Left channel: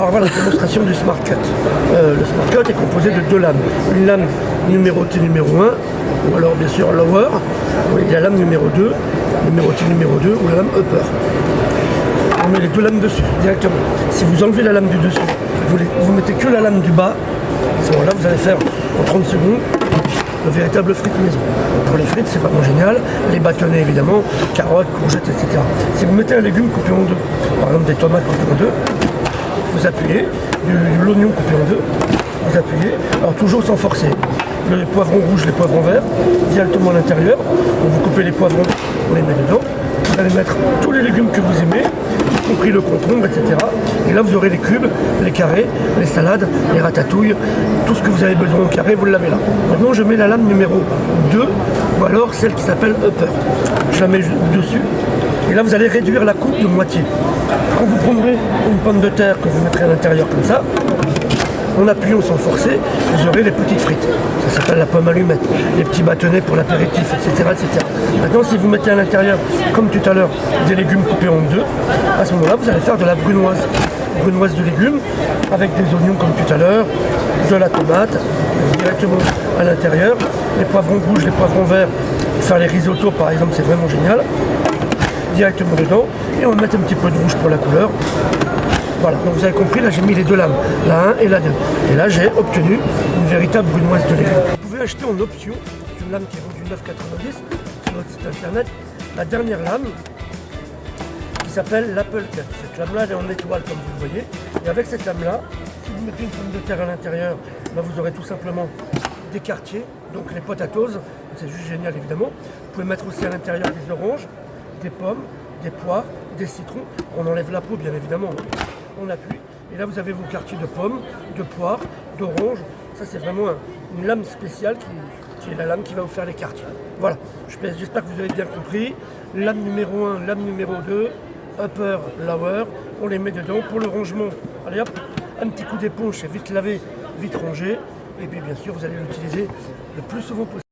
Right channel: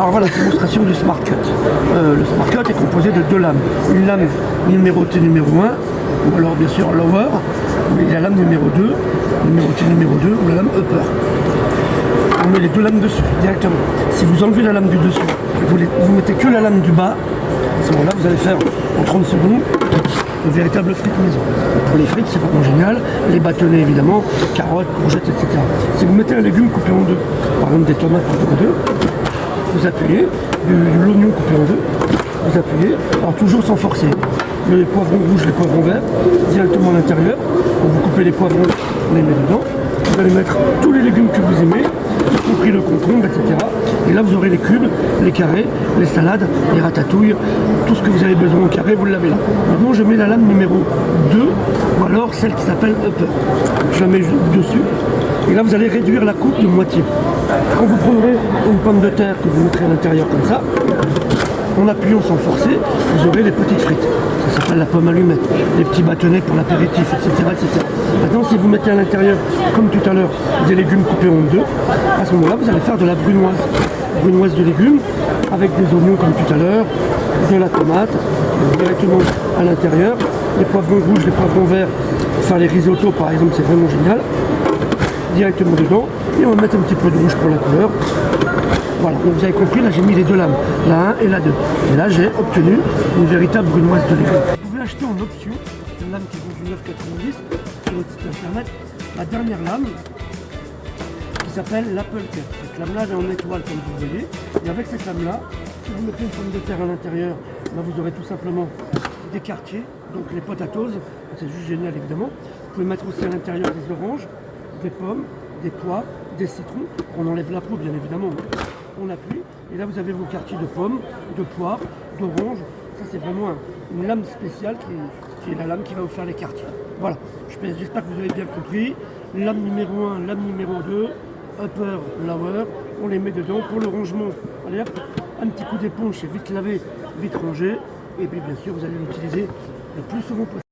Alors voilà, démonstration du Smart Cut. Le Smart Cut est composé de deux lames. Une lame numérotée numéro 1, ou alors bien sûr lower, et la lame numéro 2, numérotée numéro 2, ou la lame upper. On met les deux lames dessus, directement. Si vous enlevez la lame du dessus, vous mettez que la lame du bas, à ce moment-là, vous allez faire en 30 secondes le véritable frites maison. Pour les frites, c'est vraiment génial. Les bâtonnets, évidemment, carottes, courgettes, etc. Si vous mettez un légume coupé en deux, par exemple des tomates coupées en deux, vous appuyez, l'oignon coupé en deux, vous appuyez, alors toujours sans forcer. Les poivrons rouges, les poivrons verts, directement à l'intérieur. Vous coupez les poivrons, vous les mettez dedans. Vous allez mettre tous les légumes que vous aimez, y compris le concombre, etc. Et là, vous aurez les cubes, les carrés, les salades, les ratatouilles, tout ce que vous avez besoin en carré, vous l'avez là. Maintenant, je mets la lame numéro 2, ou alors celle qui s'appelle upper. Je la mets dessus. Et là, vous allez réduire la coupe de moitié. Quand vous prendrez une pomme de terre que vous mettrez à l'intérieur comme ça, en appuyant sans forcer, vous aurez les petites frites. Ça s'appelle la pomme allumette, les petits bâtonnets pour l'apéritif, etc., etc. Maintenant, si vous mettez à l'intérieur, comme tout à l'heure, des légumes coupés en deux, à ce moment-là, vous allez faire de la brunoise. Brunoise de légumes, avec des oignons comme tout à l'heure, de la tomate, directement à l'intérieur, les poivrons rouges, les poivrons verts, faire les risottos par exemple, c'est vraiment génial. Directement dedans, et on va mettre un petit peu de rouge pour la couleur. Voilà, donc vous avez compris, là j'ai mis les deux lames, la 1 et la 2. Et là j'ai obtenu une véritable brunoise de légumes. Vous pouvez acheter en option, une lame qui est vendue 9,90 sur notre site internet, la dernière lame qui s'appelle l'Apple Cut. Cette lame-là elle est en étoile comme vous voyez. Et avec cette lame-là, si vous mettez une pomme de terre à l'intérieur, là vous aurez tout simplement des quartiers, donc les potatoes, c'est juste génial évidemment. Vous pouvez mettre aussi à l'intérieur des oranges, des pommes, des poires, des citrons. On enlève la peau bien évidemment. On appuie, et là vous avez vos quartiers de pommes, de poires, d'oranges. Ça c'est vraiment une lame spéciale qui est la lame qui va vous faire les quartiers. Voilà, j'espère que vous avez bien compris. Lame numéro 1, lame numéro 2, upper, lower, on les met dedans pour le rangement. Allez hop, un petit coup d'éponge, c'est vite lavé, vite rangé. Et puis bien sûr vous allez l'utiliser le plus souvent possible.